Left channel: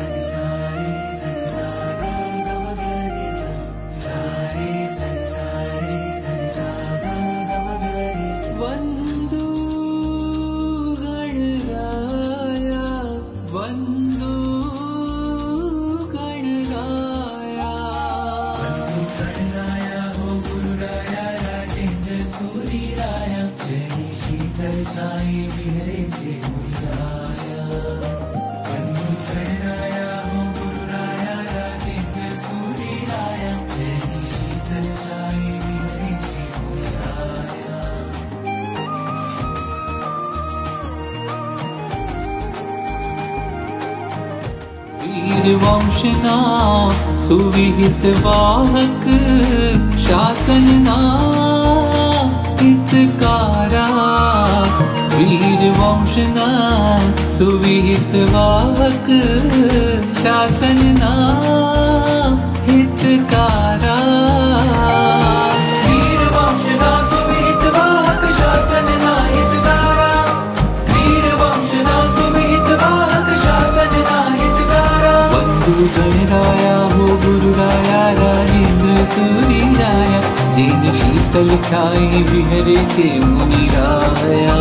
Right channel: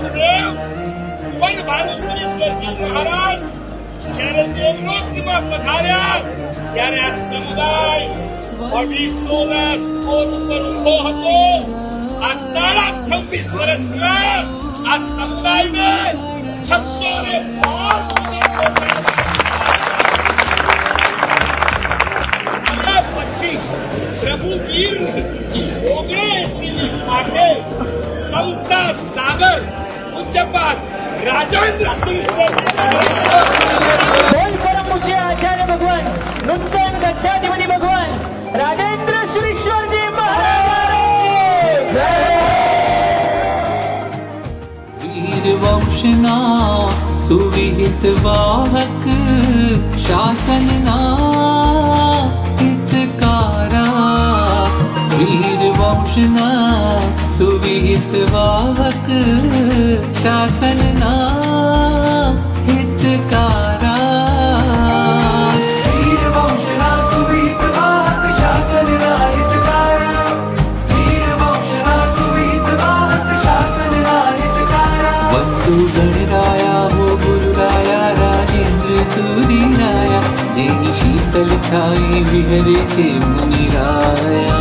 गुरुदेव पण भानुश्रीश्वरजी महाराज જ્યારે દેવલોકમાં પધાર્યા ત્યારે આ સમુદાય 250 સ્કોર ઉપર ઉભો હતો। આ 26 વર્ષમાં આ સમુદાયને 605 પછી પ્રભુ વીરની 79મી માટે સંતા સાગર ઉચ્ચપાત राजेंद्र सुरेश्वर परम पूज्य आचार्य भगवान नूतन गच्छाधिपति भगवान राजेंद्र सुरेश्वर जी महाराज वीर वंशना सुविहित वाहक शासनना हितकारा वीर वंशना सुविहित वाहक शासनना हितकारा वीर वंशना सुविहित वाहक शासनना हितकारा वीर वंशना सुविहित वाहक शासनना हितकारा वंदु गणराया हो गुरुराया राजेंद्र सूरी राया जेनी शीतल छाए विहरे छे मुनिराया।